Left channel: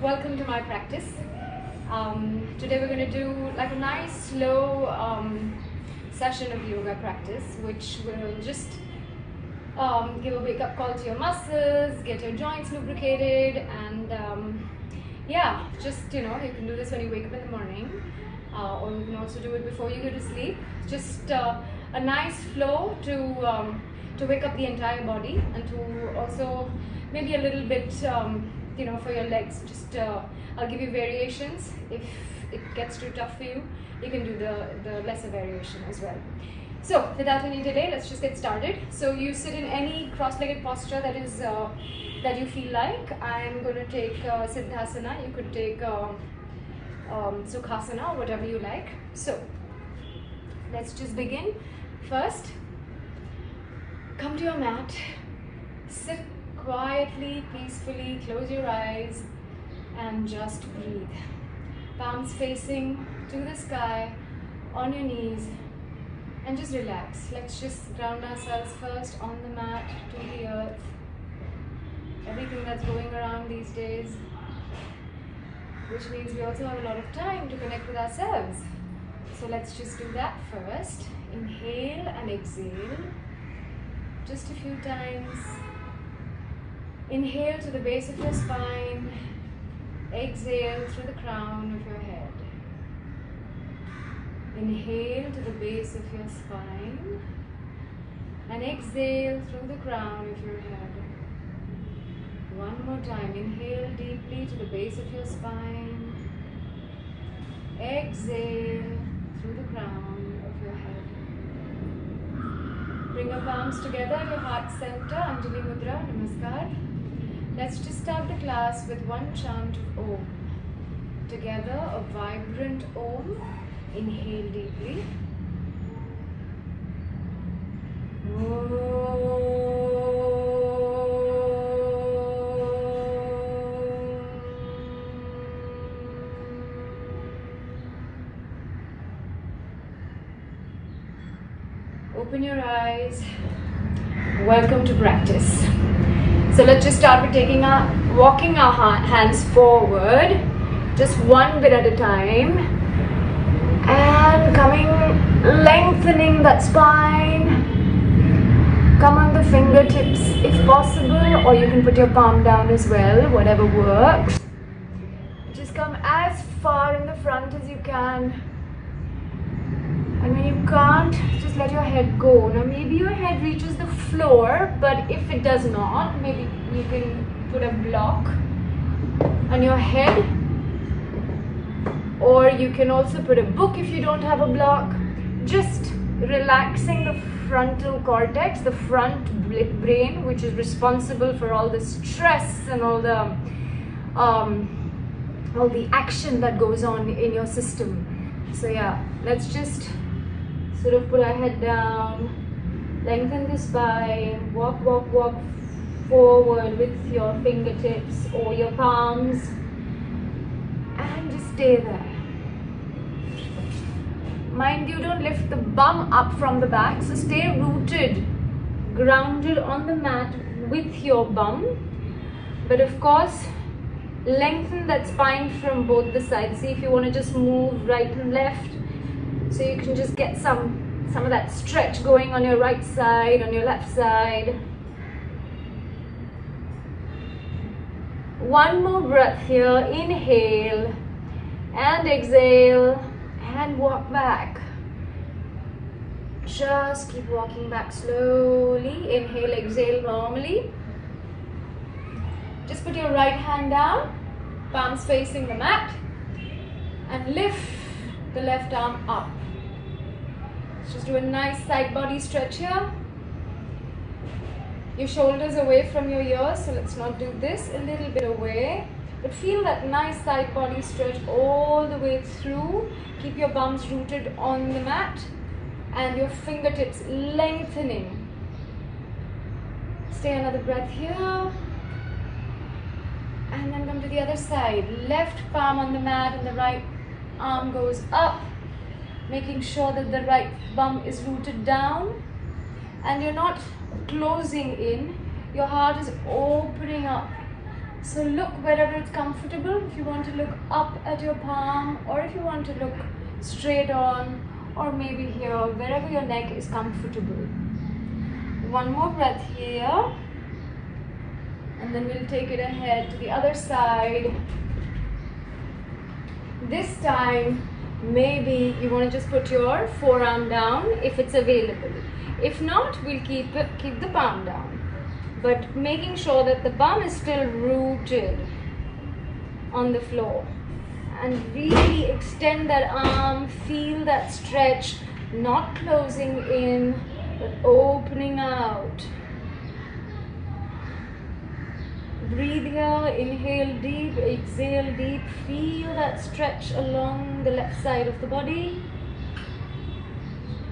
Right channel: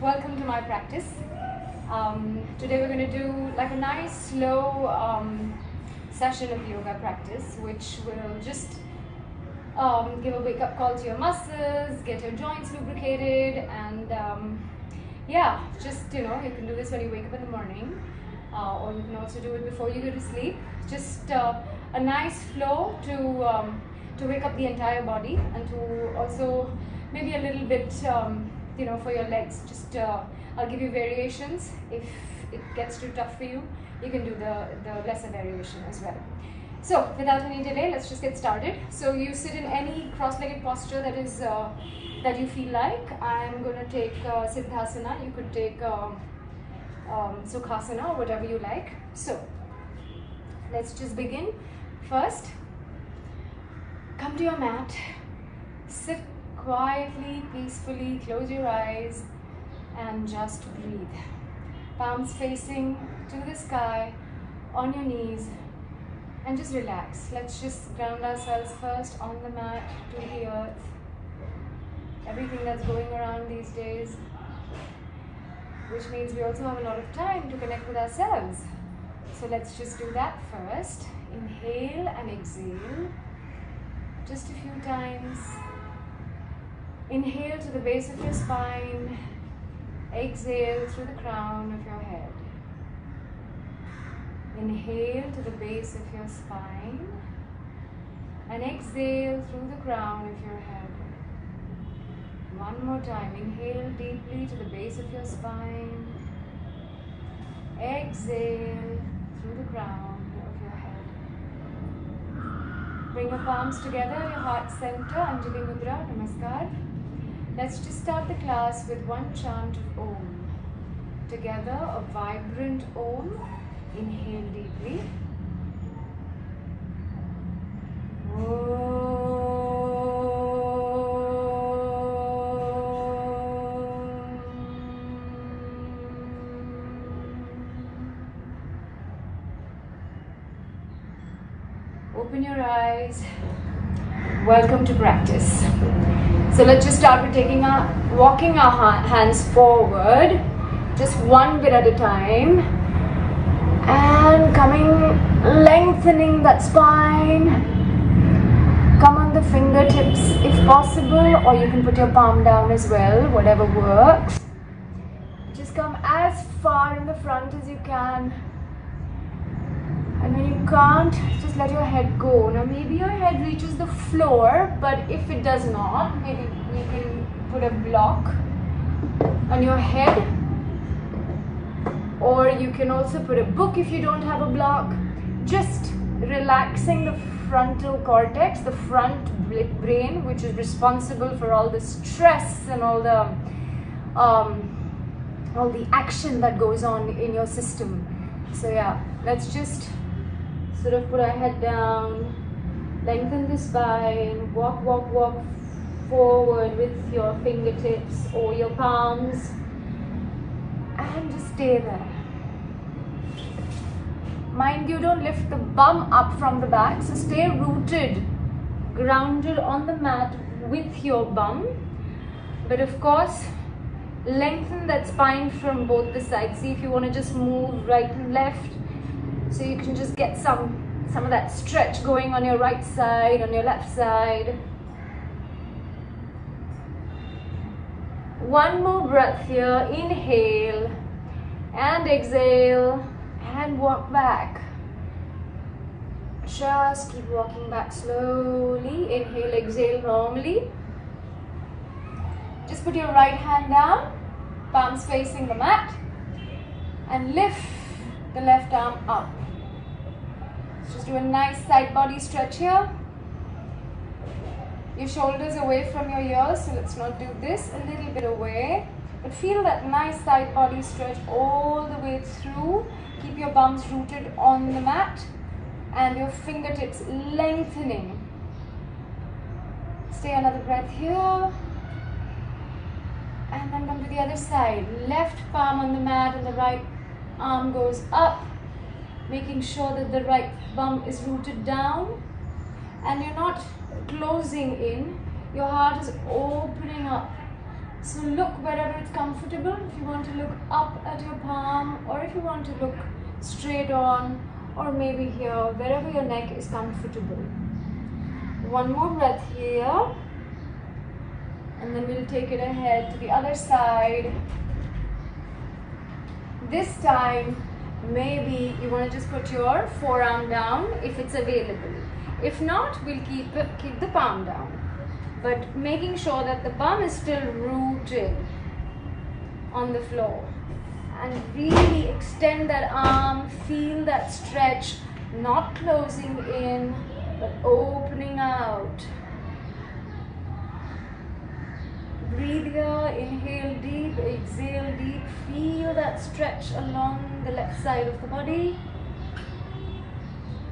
welcome to my practice. Today we're going to do like a nice slow session of yoga practice, which will just give a wake-up call to your muscles, get your joints lubricated, and yeah, just you can do this when you wake up in the morning, or you can also do it before you go to sleep. Just a nice flow to wake up the entire body, and to also maybe a little bit for your legs. Just I'll give you variations. If it gets too tough for you, you can do the lesser variation as well. So without any delay, let's just get started. So you sit in any cross-legged posture that is that you feel like. I'm going to take Siddhasana. You could take Sukhasana, or whatever you like. So let's just begin. First, come to your mat, sit quietly, peacefully, close your eyes and just breathe. Palms facing to the sky, on your knees, and just relax. Let's just ground ourselves first on the mat to the earth. Everything that's going around these days, which means we also have a lot of time to connect with ourselves. So let's just do that first. Inhale and exhale just a few times. Inhale to the base of your spine, exhale through the crown of your head. Inhale to the base of your spine and exhale through the crown of your head. One more time. Inhale deeply to the base of your spine, exhale through the crown of your head. Bring your palms together, your heart center, Anjali Mudra, Namaskar. Let's just start the class with one chant of Om. Together, a vibrant Om. Inhale deeply. Om. Open your eyes. Welcome to practice. So let's just start with walking our hands forward, just one bit at a time, and lengthening that spine. Come on the fingertips if possible, or you can put your palm down as well, whatever works. Just come as far in the front as you can. And when you can't, just let your head go. Now maybe your head reaches the floor, but if it does not, maybe you can put a block on your head, or you can also put a book if you don't have a block. Just relaxing the frontal cortex, the front brain, which is responsible for all the stress and all the action that goes on in your system. So yeah, let's just sort of put our head down, lengthen the spine, walk forward with your fingertips or your palms, and just stay there. Mind you, don't lift the bum up from the back, so stay rooted, grounded on the mat with your bum, but of course lengthen that spine from both the sides. See if you want to just move right and left, so you can just get some of that stretch going on your right side, on your left side. One more breath here. Inhale and exhale and walk back. Just keep walking back slowly. Inhale, exhale normally. Just put your right hand down, palms facing the mat, and lift the left arm up. Let's just do a nice side body stretch here. Your shoulders away from your ears, so let's not do this. A little bit away, but feel that nice side body stretch all the way through. Keep your bums rooted on the mat and your fingertips lengthening. Stay another breath here. And then come to the other side. Left palm on the mat and the right arm goes up, making sure that the right bum is rooted down and you're not closing in. Your heart is opening up So look wherever it's comfortable. If you want to look up at your palm, or if you want to look straight on, or maybe here, wherever your neck is comfortable. One more breath here, and then we'll take it ahead to the other side. This time, maybe you want to just put your forearm down if it's available. If not, we'll keep the palm down. But making sure that the palm is still rooted on the floor. And really extend that arm, feel that stretch, not closing in, but opening out. Breathe here, inhale deep, exhale deep, feel that stretch along the left side of the body.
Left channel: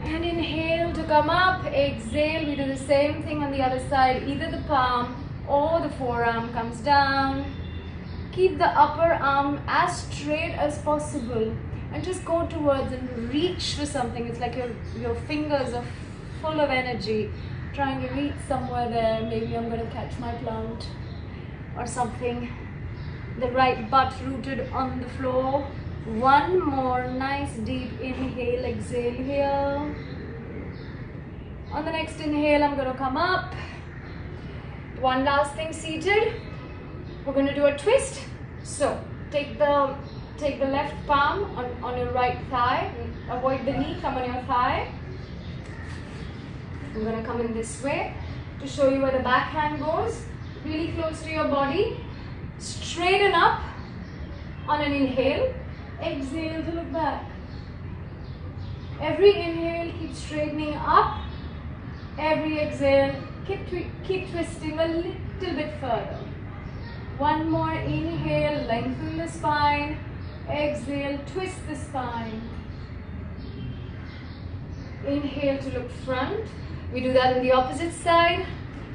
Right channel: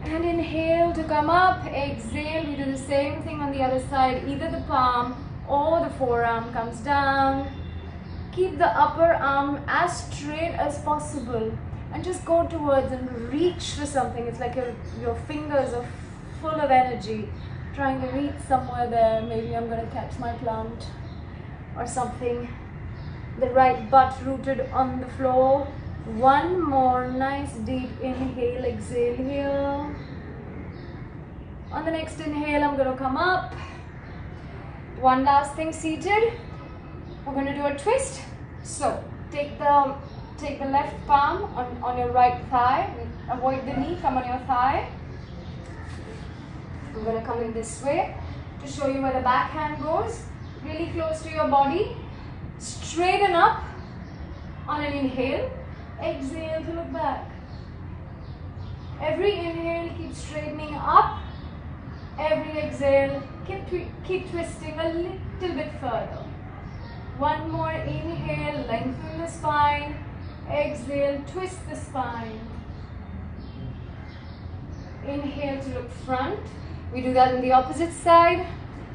And inhale to come up, exhale, we do the same thing on the other side, either the palm or the forearm comes down. Keep the upper arm as straight as possible and just go towards and reach to something. It's like your fingers are full of energy, trying to reach somewhere there. Maybe I'm going to catch my plant or something. The right butt rooted on the floor. One more nice deep inhale, exhale here. On the next inhale, I'm going to come up. One last thing, seated. We're going to do a twist. So take the left palm on your right thigh. Avoid the knee, come on your thigh. I'm going to come in this way to show you where the backhand goes. Really close to your body. Straighten up on an inhale. Exhale to look back. Every inhale, keep straightening up. Every exhale, keep twisting a little bit further. One more inhale, lengthen the spine. Exhale, twist the spine. Inhale to look front. We do that on the opposite side.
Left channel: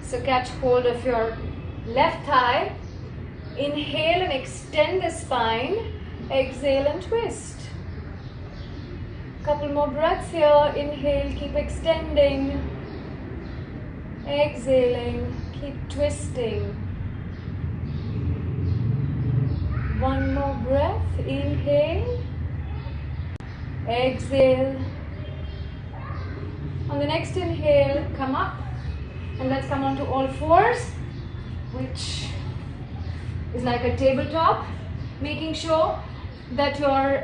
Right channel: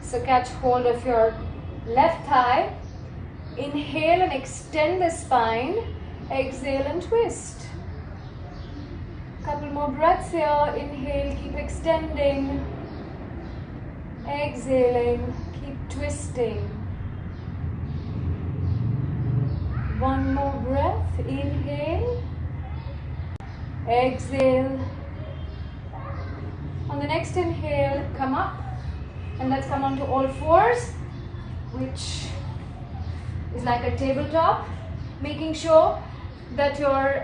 So catch hold of your left thigh. Inhale and extend the spine. Exhale and twist. Couple more breaths here. Inhale, keep extending. Exhaling, keep twisting. One more breath. Inhale. Exhale. On the next inhale, come up. And let's come onto all fours, which is like a tabletop. Making sure that your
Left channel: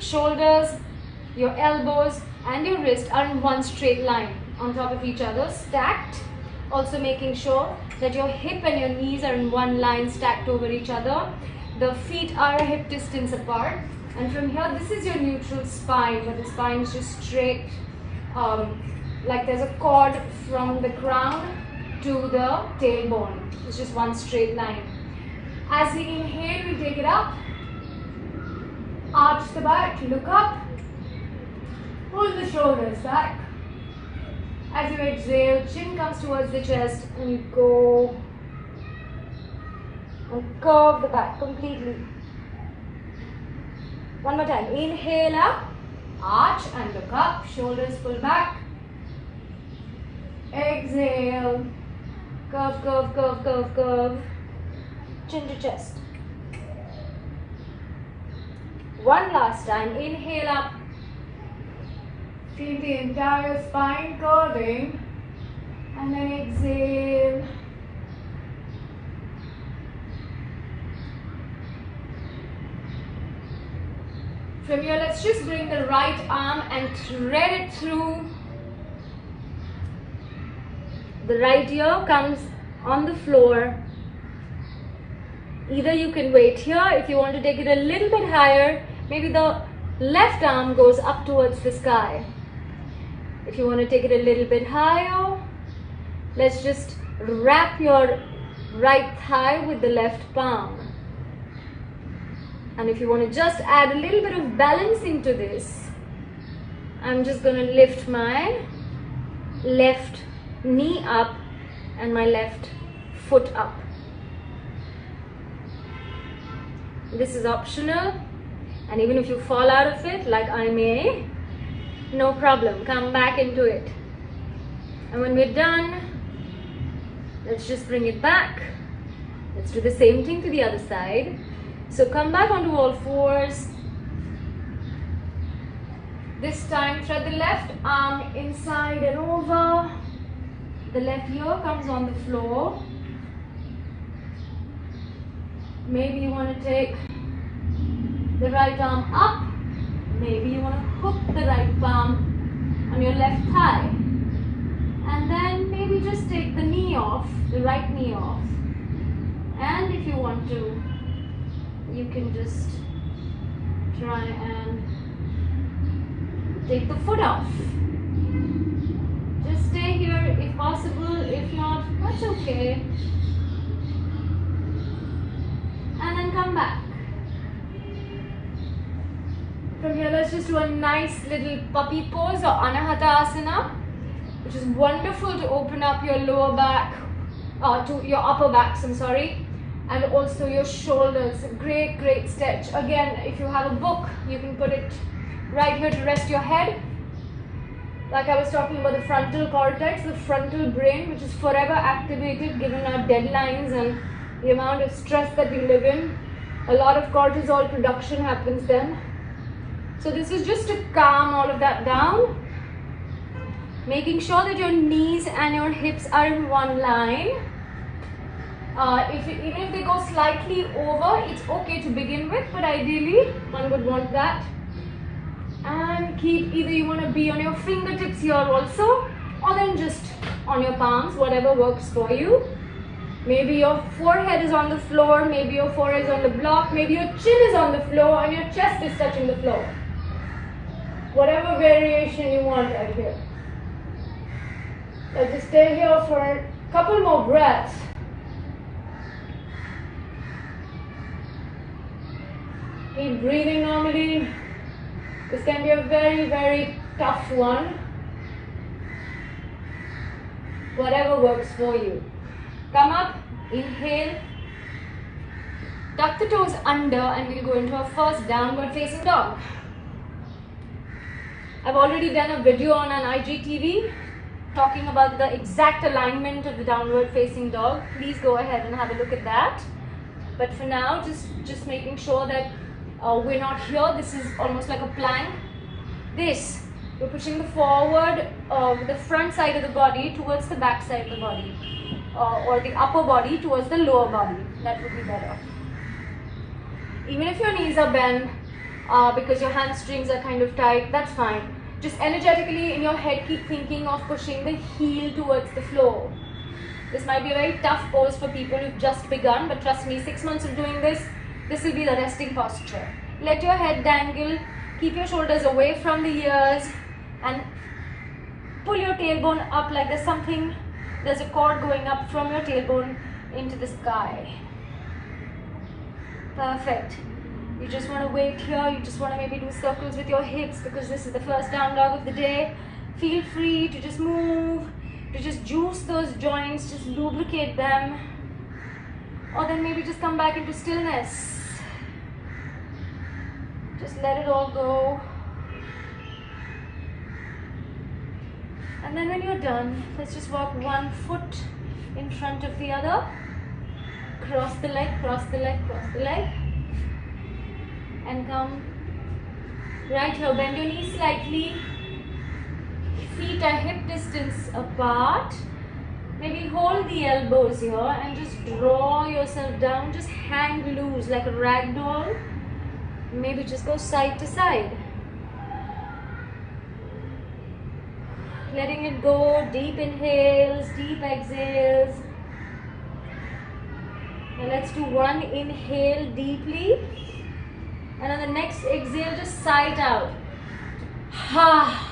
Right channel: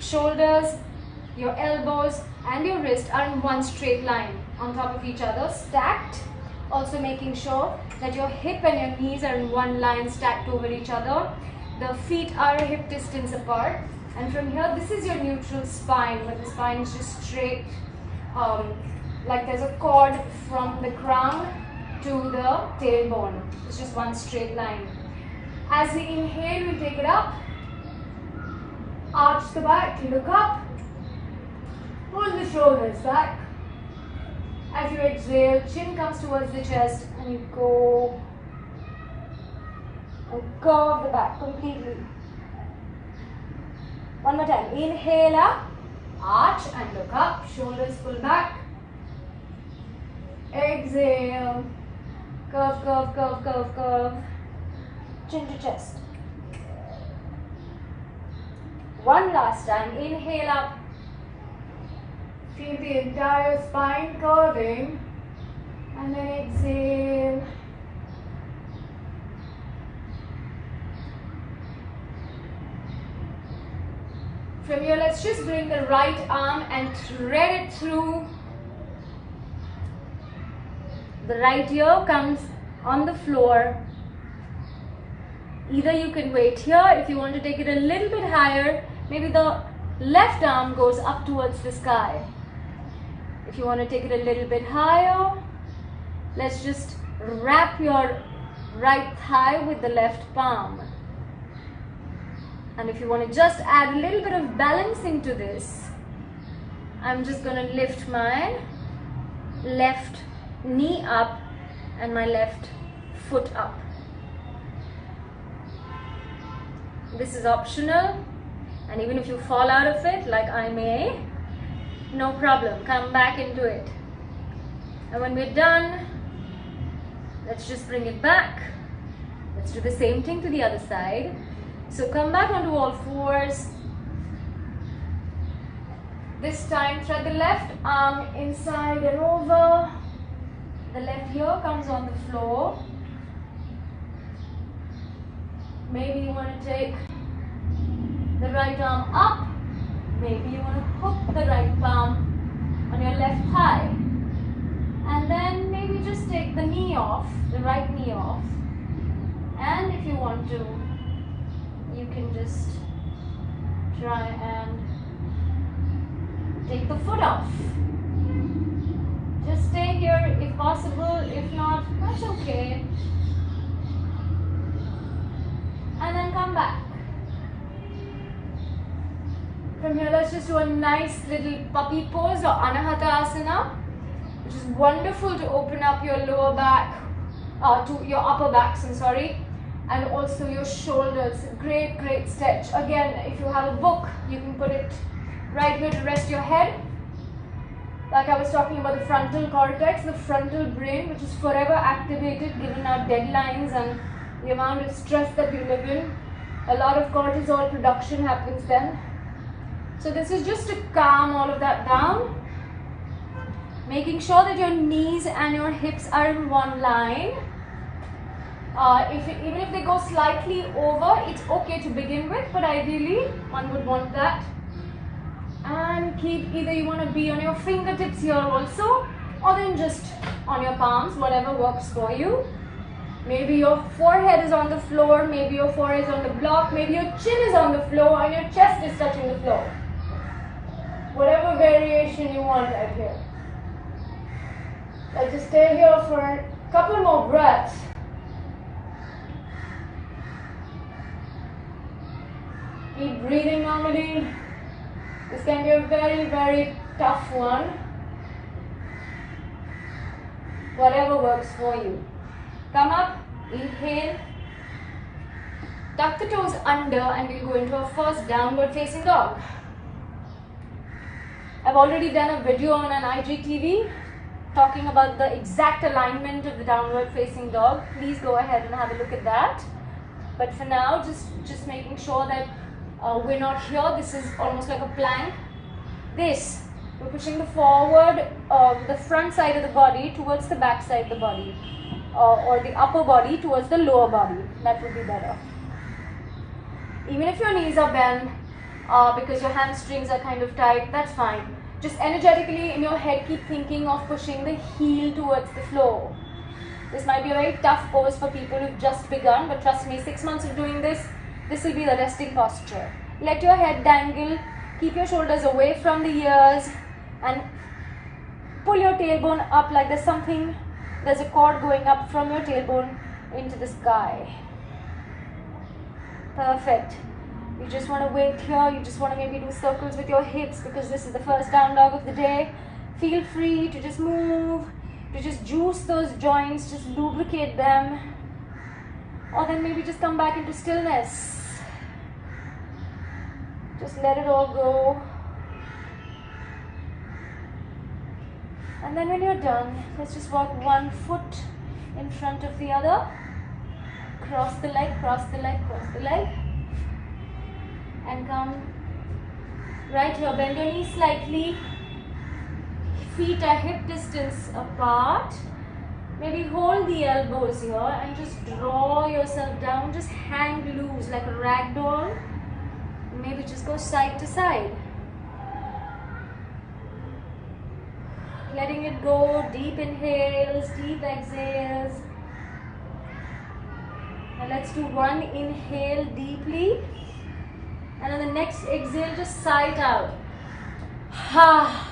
shoulders, your elbows and your wrist are in one straight line on top of each other, stacked. Also making sure that your hip and your knees are in one line, stacked over each other. The feet are a hip distance apart. And from here, this is your neutral spine, where the spine is just straight, like there's a cord from the crown to the tailbone. It's just one straight line. As we inhale, we take it up. Arch the back, look up. Pull the shoulders back. As you exhale, chin comes towards the chest and you go and curve the back completely. One more time. Inhale up, arch and look up. Shoulders pull back. Exhale. Curve, curve, curve, curve, curve. Chin to chest. One last time. Inhale up. Feel the entire spine curving. And then exhale. From here, let's just bring the right arm and thread it through. The right ear comes on the floor. Either you can wait here. If you want to take it a little bit higher, maybe the left arm goes up towards the sky. If you want to take it a little bit higher, let's just wrap your right thigh with the left palm. And if you want to just add a little bit of balancing to this, I'm just going to lift my left knee up and my left foot up. This is optional, and even if you fall out of it, like I may, no problem, come back into it. And when we're done, let's just bring it back. Let's do the same thing to the other side. So come back onto all fours. This time thread the left arm inside and over. The left ear comes on the floor. Maybe you want to take the right arm up. Maybe you want to hook the right palm on your left thigh. And then maybe just take the knee off, the right knee off. And if you want to, you can just try and take the foot off. Just stay here if possible. If not, that's okay. And then come back. From here, let's just do a nice little puppy pose or Anahata Asana, which is wonderful to open up your lower back, to your upper backs, and also your shoulders. Great, great stretch. Again, if you have a book, you can put it right here to rest your head. Like I was talking about the frontal cortex, the frontal brain, which is forever activated given our deadlines and the amount of stress that we live in. A lot of cortisol production happens then. So this is just to calm all of that down. Making sure that your knees and your hips are in one line. Even if they go slightly over, it's okay to begin with, but ideally one would want that. And keep, either you want to be on your fingertips here also, or then just on your palms, whatever works for you. Maybe your forehead is on the floor, maybe your forehead is on the block, maybe your chin is on the floor and your chest is touching the floor. Whatever variation you want right here. Let's just stay here for a couple more breaths. Keep breathing normally. This can be a very, very tough one. Whatever works for you. Come up, inhale. Tuck the toes under and we'll go into our first downward facing dog. I've already done a video on an IGTV talking about the exact alignment of the downward facing dog. Please go ahead and have a look at that. But for now, just making sure that we're not here. This is almost like a plank. We're pushing the forward, the front side of the body towards the back side of the body, or the upper body towards the lower body. That would be better. Even if your knees are bent because your hamstrings are kind of tight, that's fine. Just energetically in your head, keep thinking of pushing the heel towards the floor. This might be a very tough pose for people who've just begun, but trust me, 6 months of doing this will be the resting posture. Let your head dangle, keep your shoulders away from the ears, and pull your tailbone up like there's a cord going up from your tailbone into the sky. Perfect. You just want to wait here. You just want to maybe do circles with your hips because this is the first down dog of the day. Feel free to just move, to just juice those joints, just lubricate them. Or then maybe just come back into stillness. Just let it all go. And then when you're done, let's just walk one foot in front of the other. Cross the leg, cross the leg, cross the leg. And come right here. Bend your knees slightly. Feet are hip distance apart. Maybe hold the elbows here and just draw yourself down. Just hang loose like a rag doll. Maybe just go side to side. Letting it go. Deep inhales, deep exhales. Now let's do one inhale deeply. And on the next exhale, just sigh it out. Ha.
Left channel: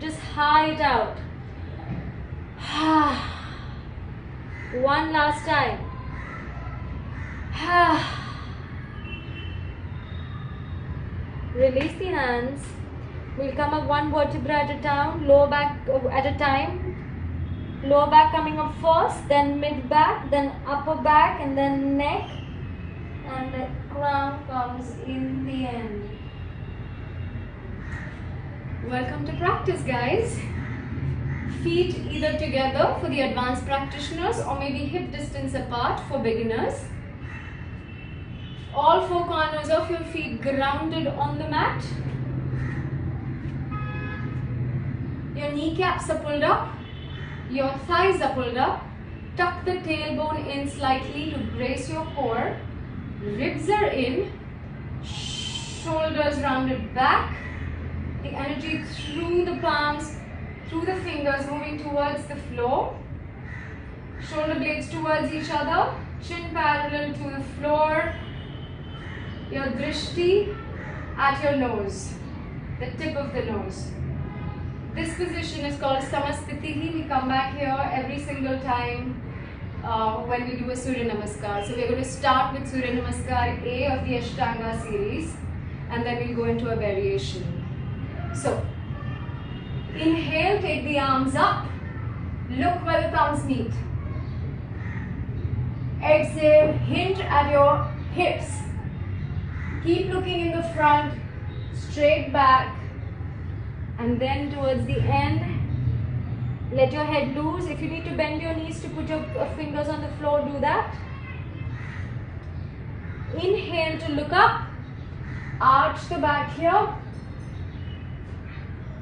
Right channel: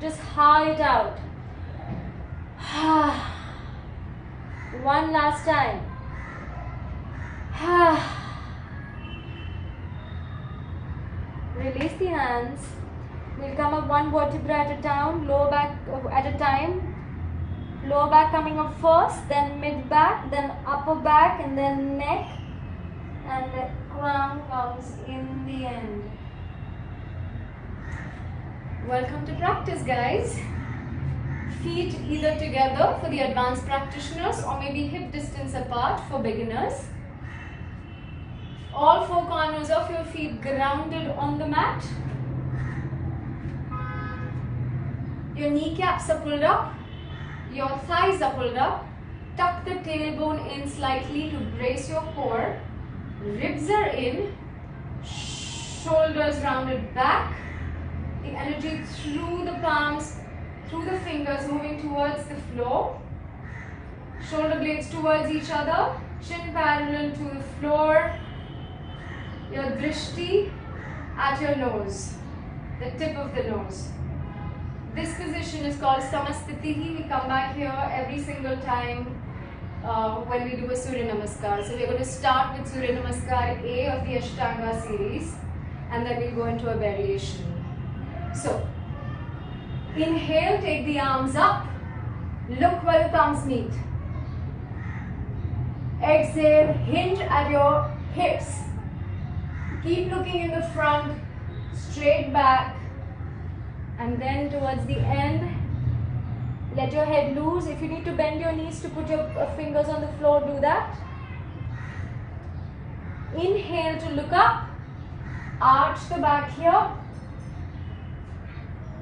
Just sigh it out. Ha. One last time. Ha. Release the hands. We'll come up one vertebra at a time, lower back at a time. Lower back coming up first, then mid back, then upper back, and then neck. And the crown comes in the end. Welcome to practice, guys. Feet either together for the advanced practitioners or maybe hip distance apart for beginners. All four corners of your feet grounded on the mat. Your kneecaps are pulled up. Your thighs are pulled up. Tuck the tailbone in slightly to brace your core. Ribs are in. Shoulders rounded back. The energy through the palms, through the fingers, moving towards the floor. Shoulder blades towards each other. Chin parallel to the floor. Your drishti at your nose, the tip of the nose. This position is called Samastitihi. We come back here every single time when we do a Surya Namaskar. So we're going to start with Surya Namaskar A of the Ashtanga series, and then we'll go into a variation. So, inhale, take the arms up, look where the thumbs meet. Exhale, hinge at your hips. Keep looking in the front, straight back, and then towards the end, let your head loose. If you need to bend your knees to put your fingers on the floor, do that. Inhale to look up, arch the back here.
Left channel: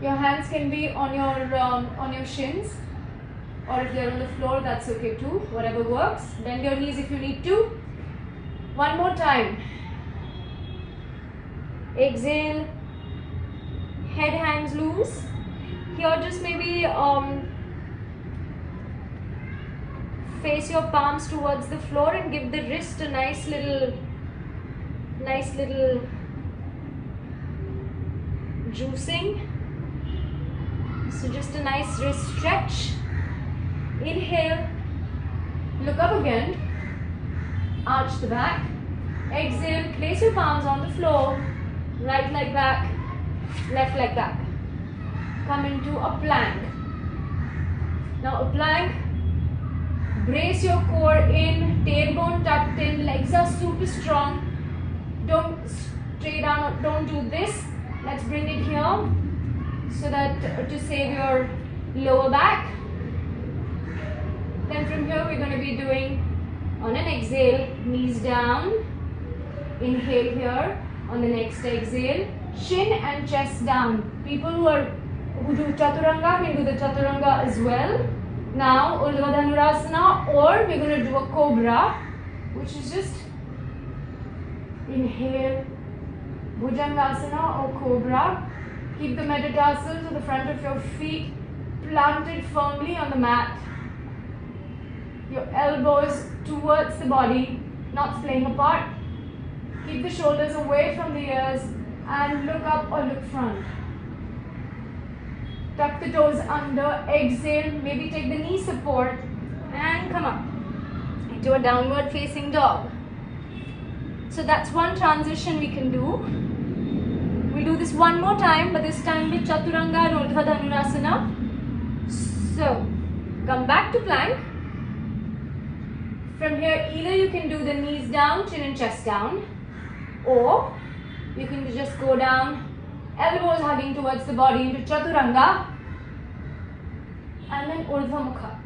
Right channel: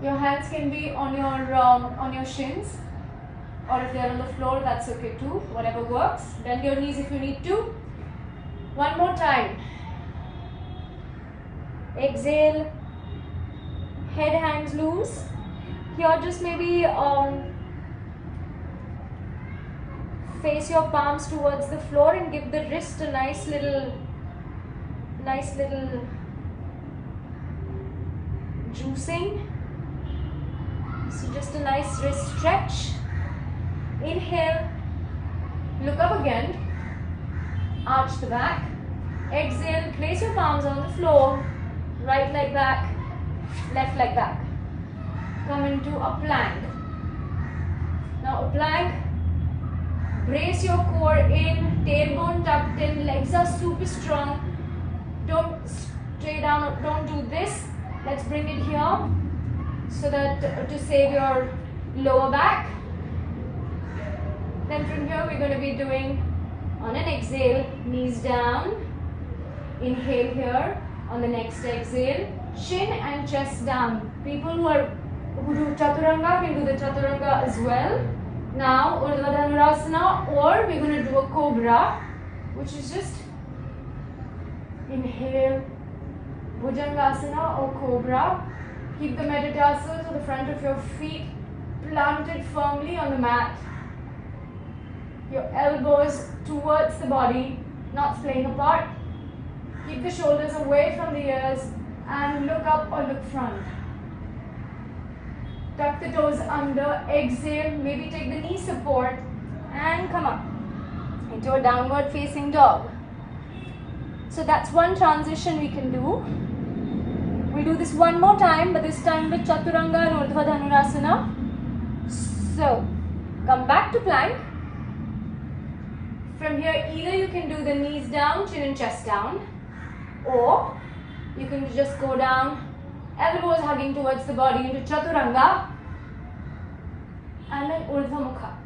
Your hands can be on your shins, or if they're on the floor, that's okay too, whatever works. Bend your knees if you need to. One more time. Exhale, head hangs loose. Here just maybe face your palms towards the floor and give the wrist a nice little juicing. So just a nice wrist stretch. Inhale, look up again, arch the back. Exhale, place your palms on the floor. Right leg back, left leg back. Come into a plank. Now a plank, brace your core in, tailbone tucked in, legs are super strong. Don't stray down, or don't do this. Let's bring it here so that to save your lower back. Then from here we're going to be doing, on an exhale, knees down. Inhale here. On the next exhale, chin and chest down. People who do chaturanga can do the chaturanga as well. Now, Urdhva Dhanurasana, or we're going to do a cobra, which is just inhale, Bhujangasana or cobra. Keep the metatarsals or the front of your feet planted firmly on the mat. Your elbows towards the body, not splaying apart. Keep the shoulders away from the ears and look up or look front. Tuck the toes under, exhale, maybe take the knee support and come up into a downward facing dog. So that's one transition we can do. We'll do this one more time, but this time with Chaturanga and Urdhva Dhanurasana. So, come back to plank. From here, either you can do the knees down, chin and chest down, or you can just go down, elbows hugging towards the body into Chaturanga, and then Urdhva Mukha.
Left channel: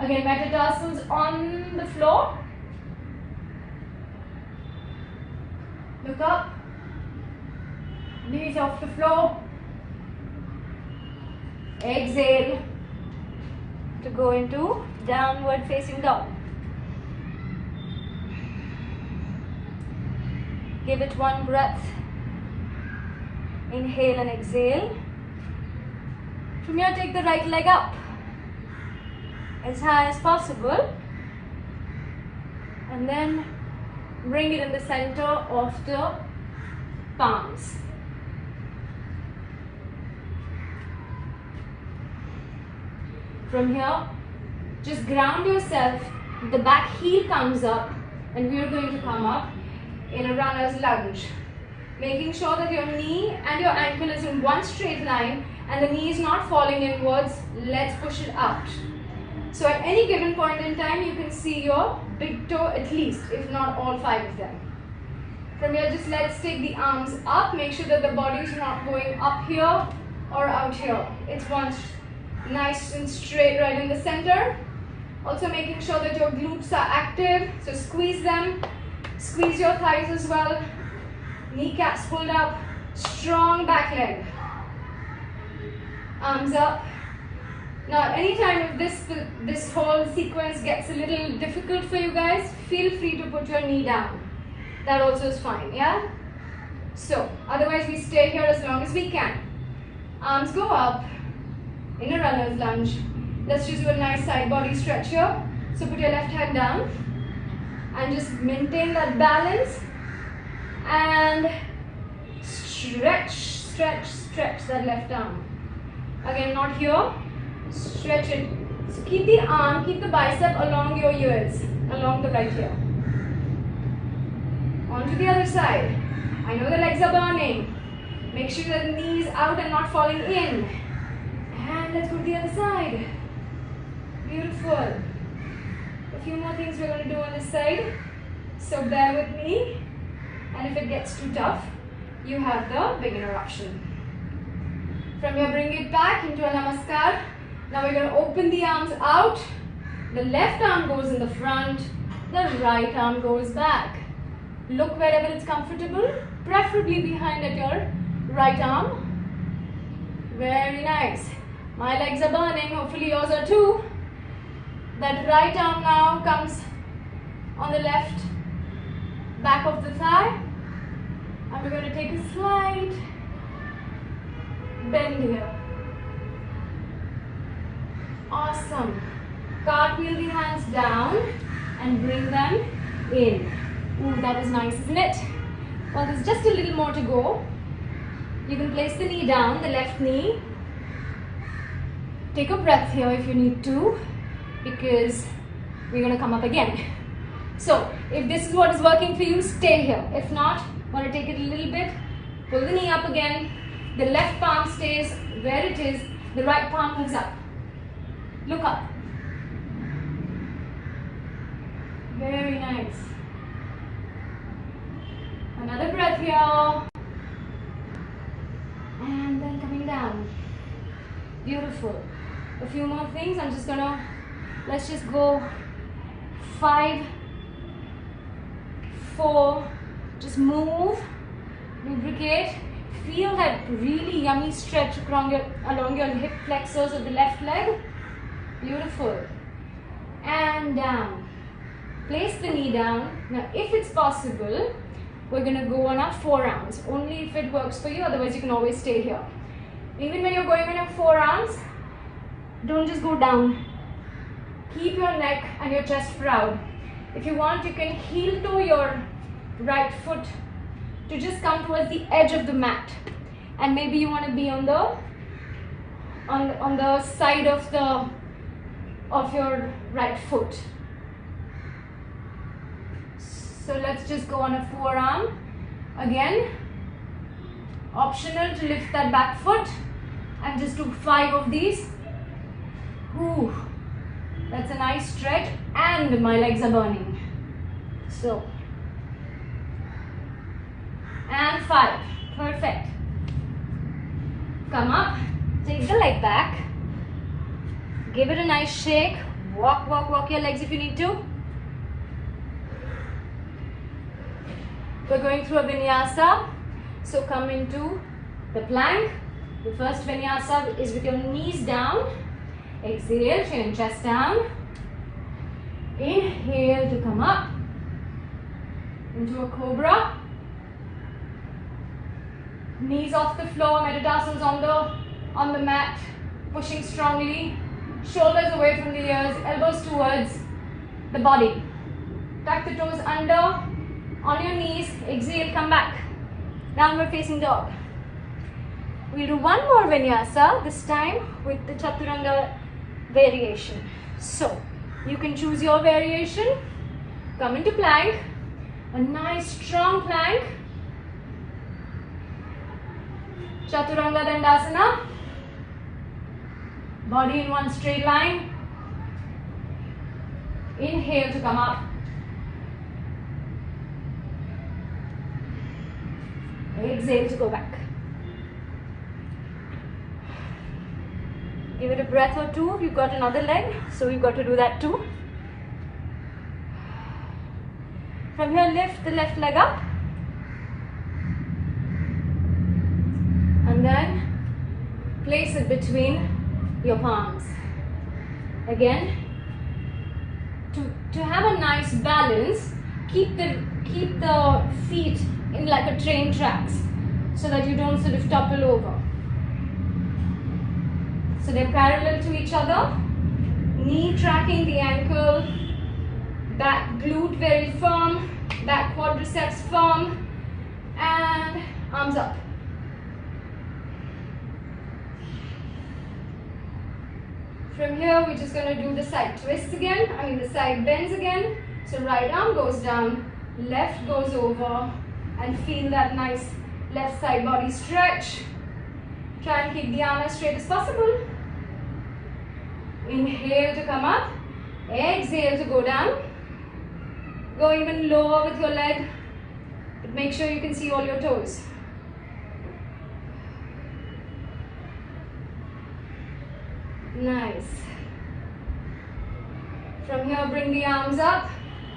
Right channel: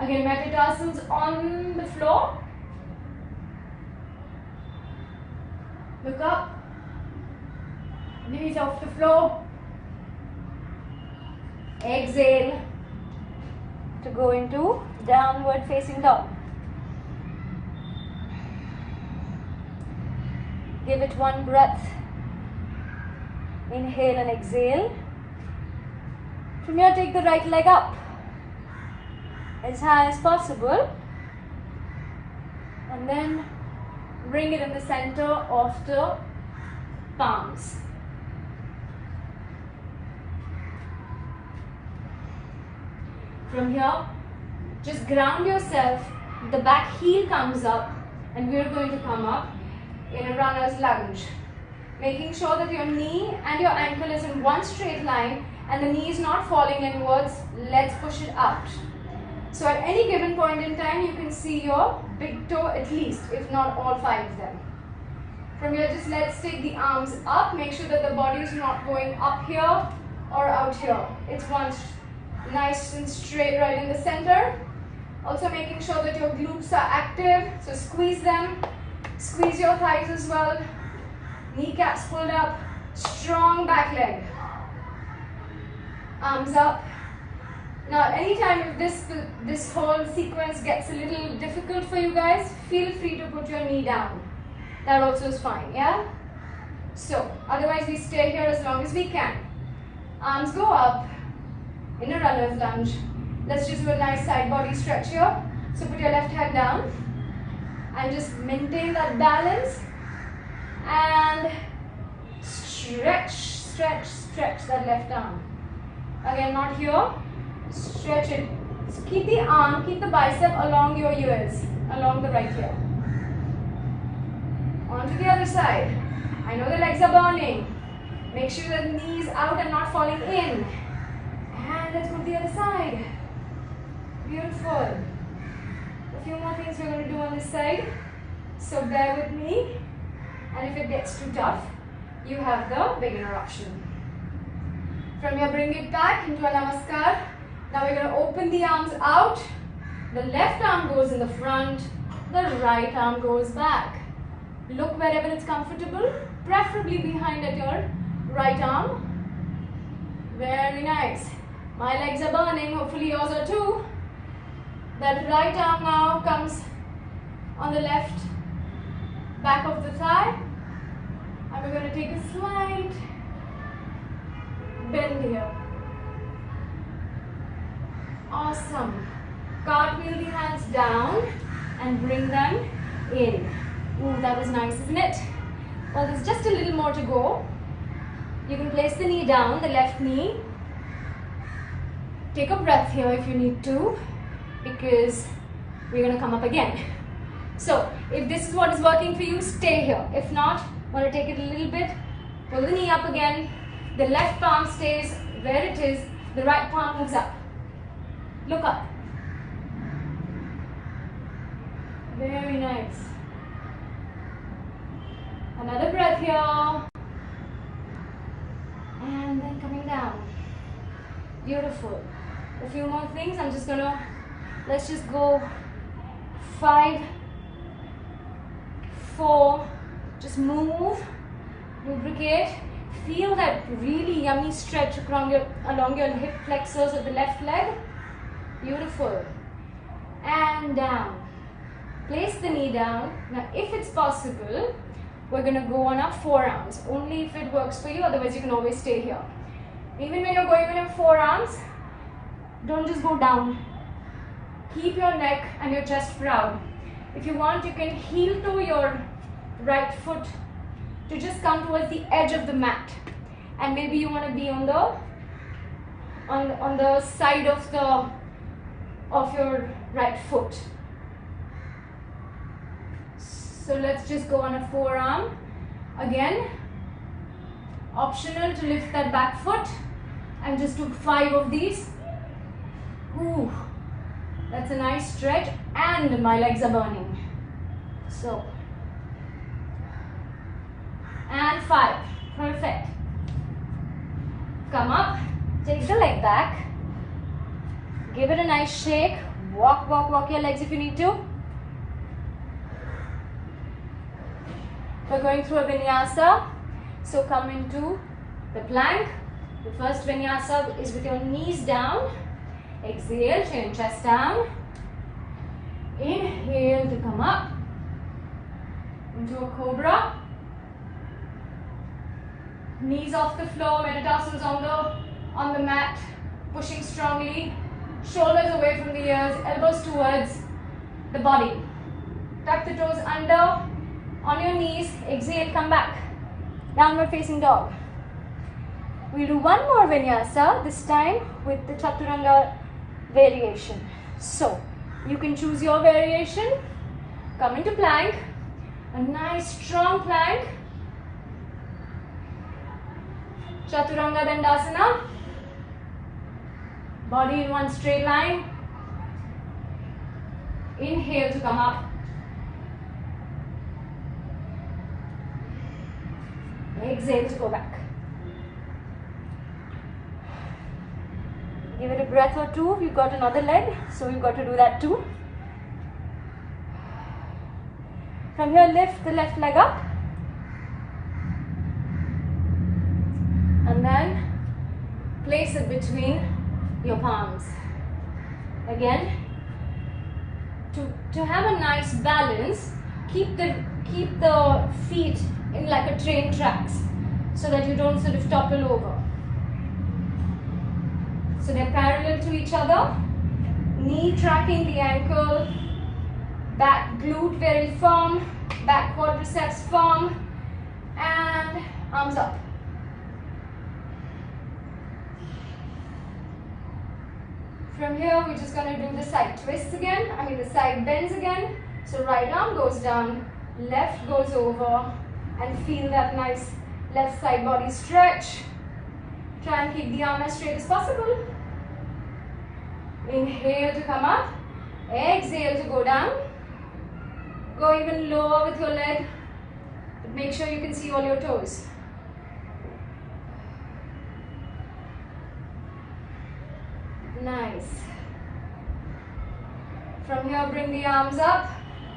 Again, metatarsals on the floor. Look up, knees off the floor. Exhale to go into downward facing dog. Give it one breath. Inhale and exhale. From here, take the right leg up as high as possible. And then bring it in the center of the palms. From here, just ground yourself. The back heel comes up, and we are going to come up in a runner's lunge. Making sure that your knee and your ankle is in one straight line and the knee is not falling inwards. Let's push it out. So at any given point in time, you can see your big toe at least, if not all 5 of them. From here, just let's take the arms up. Make sure that the body is not going up here or out here. It's one nice and straight right in the center. Also making sure that your glutes are active, so squeeze them. Squeeze your thighs as well. Kneecaps pulled up. Strong back leg. Arms up. Now anytime if this whole sequence gets a little difficult for you guys, feel free to put your knee down. That also is fine, yeah? So, otherwise we stay here as long as we can. Arms go up in a runner's lunge. Let's just do a nice side body stretch here. So put your left hand down and just maintain that balance and stretch, stretch, stretch that left arm. Again, not here. Stretch it. So keep the arm, keep the bicep along your ears, along the right ear. On to the other side. I know the legs are burning. Make sure that the knees out and not falling in. And let's go to the other side. Beautiful. A few more things we're going to do on this side. So bear with me. And if it gets too tough, you have the beginner option. From here, bring it back into a Namaskar. Now we're going to open the arms out. The left arm goes in the front. The right arm goes back. Look wherever it's comfortable, preferably behind at your right arm. Very nice. My legs are burning, hopefully yours are too. That right arm now comes on the left back of the thigh. And we're going to take a slight bend here. Awesome. Cartwheel the hands down and bring them in. Ooh, that was nice, isn't it? Well, there's just a little more to go. You can place the knee down, the left knee. Take a breath here if you need to, because we're going to come up again. So, if this is what is working for you, stay here. If not, want to take it a little bit, pull the knee up again. The left palm stays where it is, the right palm moves up. Look up. Very nice. Another breath here. And then coming down. Beautiful. A few more things. I'm just gonna, let's just go 5, 4. Just move, lubricate. Feel that really yummy stretch along your hip flexors of the left leg. Beautiful. And down. Place the knee down. Now, if it's possible, we're going to go on our forearms. Only if it works for you, otherwise you can always stay here. Even when you're going on your forearms, don't just go down. Keep your neck and your chest proud. If you want, you can heel toe your right foot to just come towards the edge of the mat. And maybe you want to be on the side of your right foot. So let's just go on a forearm. Again, optional to lift that back foot and just do 5 of these. Ooh, that's a nice stretch and my legs are burning. So, and 5, perfect. Come up, take the leg back, give it a nice shake, walk your legs if you need to. We're going through a vinyasa, so come into the plank. The first vinyasa is with your knees down. Exhale, chin, chest down. Inhale to come up into a cobra. Knees off the floor, metatarsals on the mat, pushing strongly. Shoulders away from the ears, elbows towards the body. Tuck the toes under. On your knees, exhale, come back. Downward facing dog. We'll do one more vinyasa, this time with the chaturanga variation. So, you can choose your variation. Come into plank. A nice strong plank. Chaturanga Dandasana. Body in one straight line. Inhale to come up. Exhale to go back. Give it a breath or two. We've got another leg, so we've got to do that too. From here, lift the left leg up. And then place it between your palms. Again, to have a nice balance, keep the feet in like a train tracks so that you don't sort of topple over. So they're parallel to each other, knee tracking the ankle, back glute very firm, back quadriceps firm, and arms up. From here, we're just going to do the side twists again, the side bends again. So right arm goes down, left goes over, and feel that nice left side body stretch. Try and keep the arm as straight as possible. Inhale to come up, exhale to go down. Go even lower with your leg, but make sure you can see all your toes. Nice. From here, bring the arms up,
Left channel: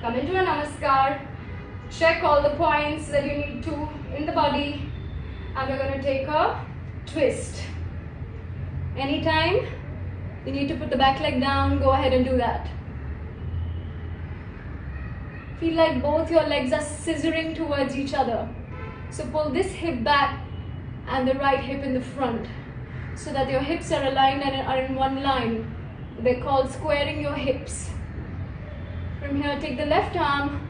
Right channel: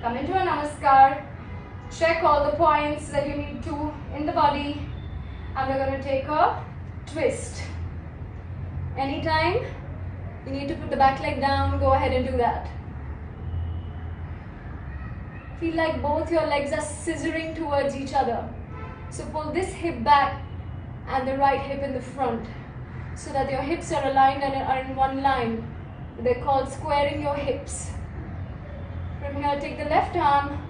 come into a Namaskar. Check all the points that you need to in the body, and we're going to take a twist. Anytime you need to put the back leg down, go ahead and do that. Feel like both your legs are scissoring towards each other. So pull this hip back and the right hip in the front so that your hips are aligned and are in one line. They're called squaring your hips. From here, take the left arm,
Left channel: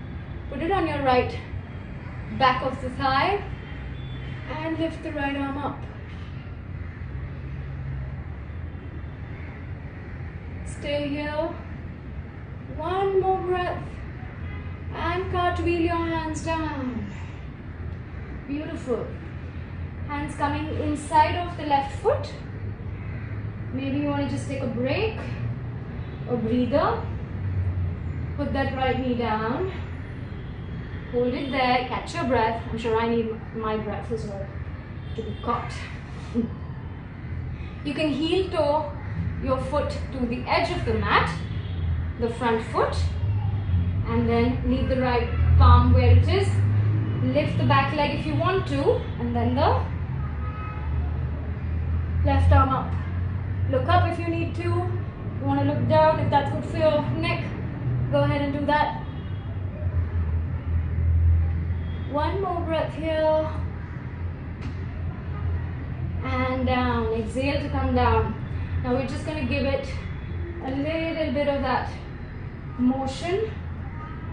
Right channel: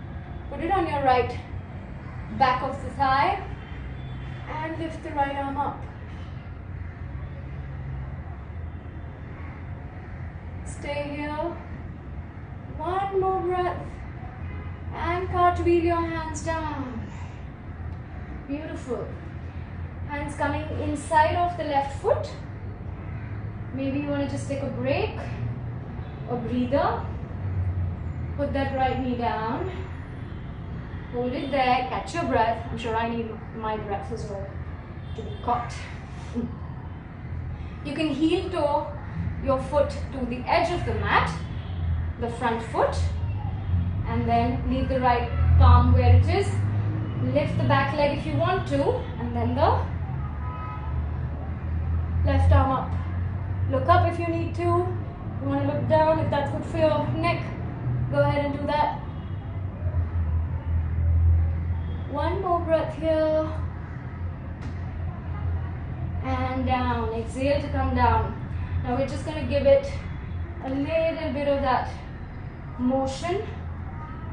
put it on your right back of the thigh, and lift the right arm up. Stay here. One more breath. And cartwheel your hands down. Beautiful. Hands coming inside of the left foot. Maybe you want to just take a break or breather. Put that right knee down. Hold it there. Catch your breath. I'm sure I need my breath as well to be caught. You can heel toe your foot to the edge of the mat, the front foot, and then leave the right palm where it is. Lift the back leg if you want to, and then the left arm up. Look up if you need to. You want to look down if that's good for your neck. Go ahead and do that. One more breath here. And down. Exhale to come down. Now we're just going to give it a little bit of that motion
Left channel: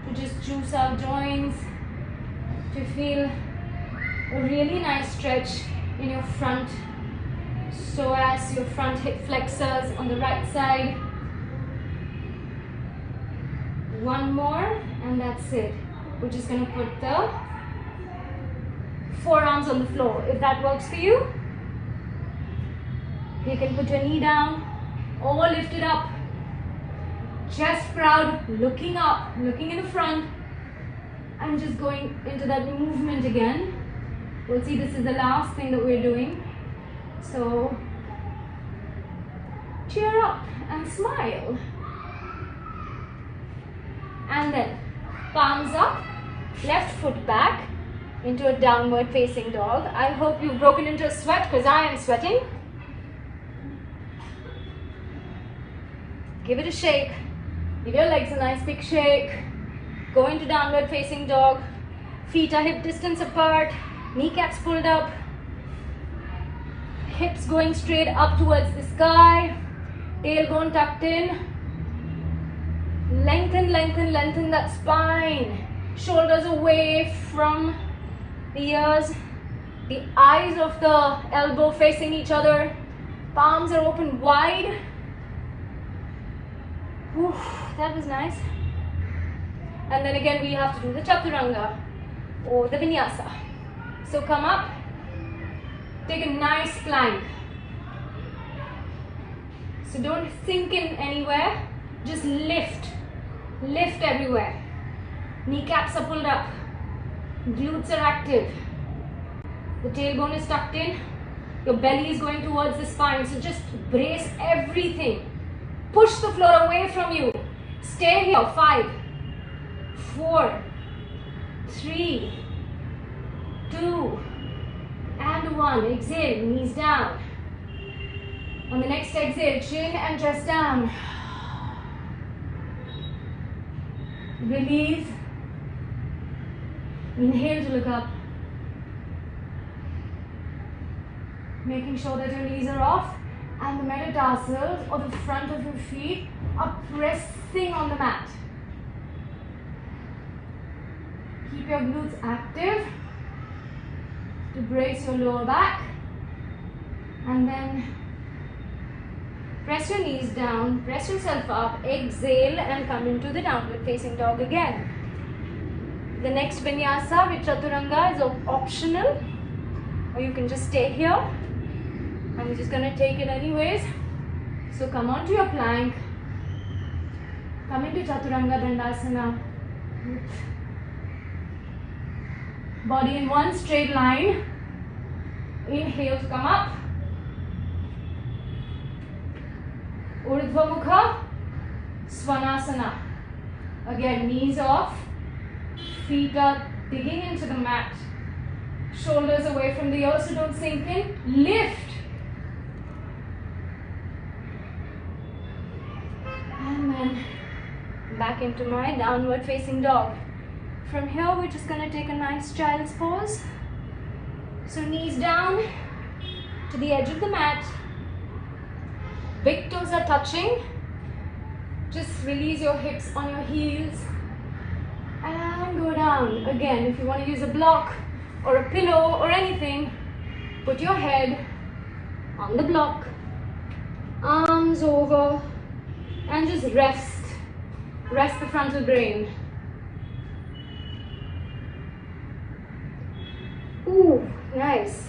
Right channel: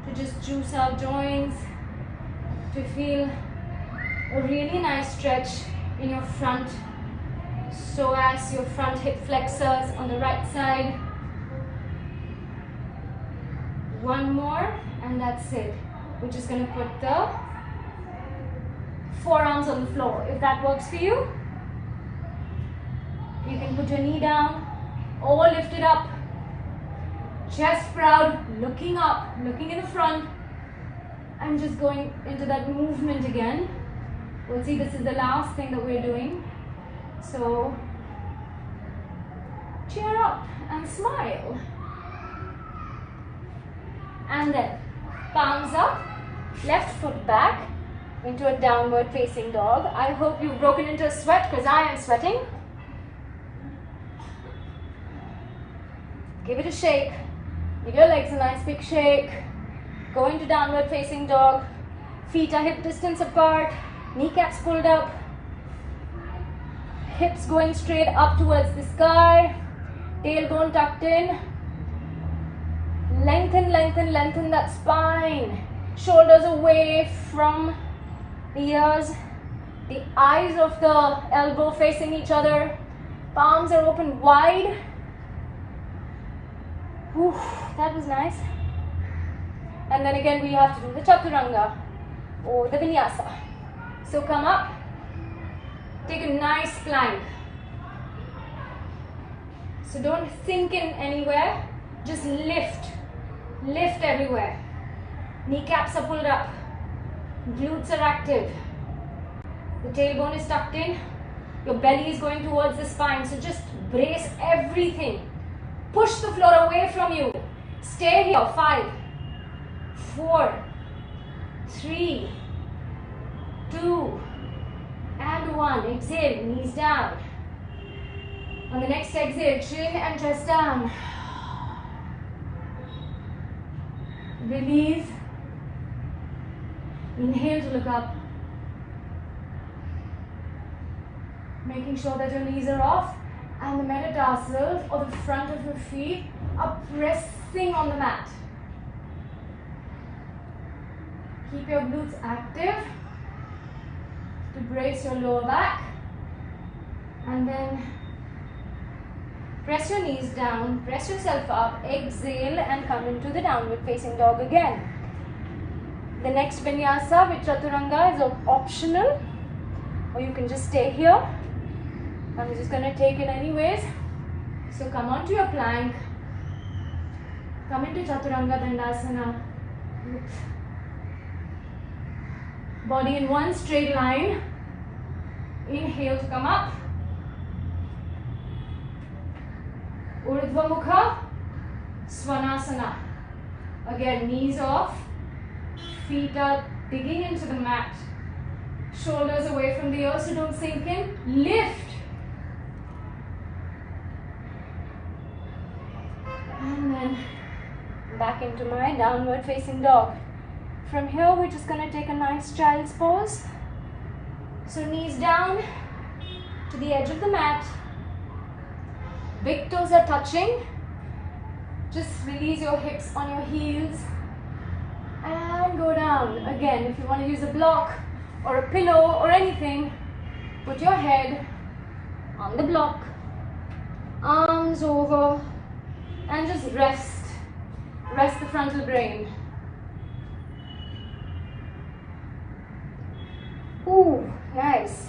to just juice our joints, to feel a really nice stretch in your front psoas, your front hip flexors on the right side. One more, and that's it. We're just going to put the forearms on the floor. If that works for you, you can put your knee down or lift it up. Chest proud, looking up, looking in the front, and just going into that movement again. We'll see this is the last thing that we're doing. So cheer up and smile. And then palms up, left foot back into a downward facing dog. I hope you've broken into a sweat because I am sweating. Give it a shake. Give your legs a nice big shake. Go into downward facing dog. Feet are hip distance apart. Kneecaps pulled up. Hips going straight up towards the sky. Tailbone tucked in. Lengthen, lengthen, lengthen that spine. Shoulders away from the ears. The eyes of the elbow facing each other. Palms are open wide. Whew, that was nice. And then again we have to do the chaturanga or the vinyasa. So come up, take a nice plank. So don't sink in anywhere, just lift. Lift everywhere. Kneecaps are pulled up. Glutes are active. The tailbone is tucked in. Your belly is going towards the spine, so just brace everything. Push the floor away from you. Stay here. 5, 4, 3, 2, and 1. Exhale, knees down. On the next exhale, chin and chest down. Release. Inhale to look up. Making sure that your knees are off and the metatarsals or the front of your feet are pressing on the mat. Keep your glutes active to brace your lower back, and then press your knees down, press yourself up, exhale and come into the downward facing dog again. The next vinyasa with chaturanga is optional, or you can just stay here. I'm just going to take it anyways. So come onto your plank, come into chaturanga dandasana. Body in one straight line. Inhale to come up. Urdhva Mukha, Svanasana. Again, knees off, feet are digging into the mat. Shoulders away from the earth, so don't sink in. Lift. And then back into my downward facing dog. From here, we're just going to take a nice child's pose. So knees down to the edge of the mat. Big toes are touching. Just release your hips on your heels and go down. Again, if you want to use a block or a pillow or anything, put your head on the block, arms over, and just rest. Rest the frontal brain. Ooh, nice.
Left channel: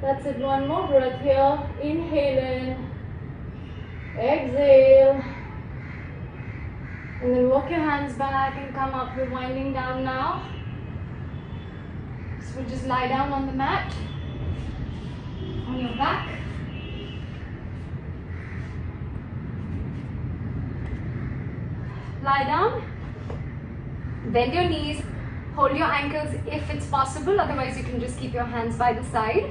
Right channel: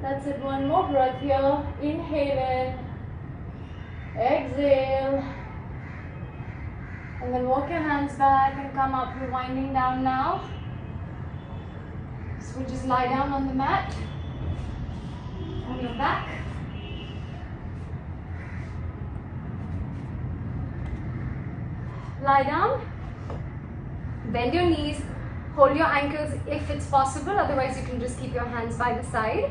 That's it, one more breath here. Inhale in, exhale, and then walk your hands back and come up. We're winding down now. So we'll just lie down on the mat, on your back. Lie down, bend your knees, hold your ankles if it's possible, otherwise you can just keep your hands by the side.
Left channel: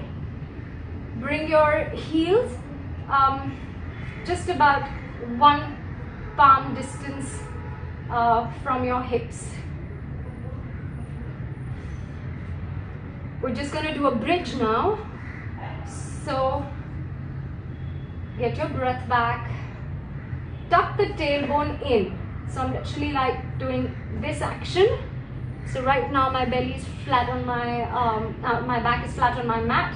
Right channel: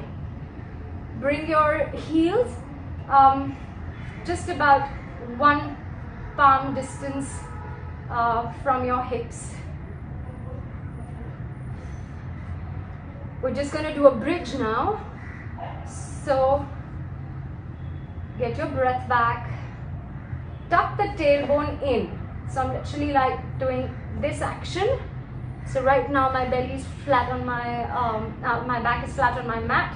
Bring your heels just about 1 palm distance from your hips. We're just going to do a bridge now. So get your breath back. Tuck the tailbone in. So I'm actually like doing this action. So right now my belly is flat on my back is flat on my mat.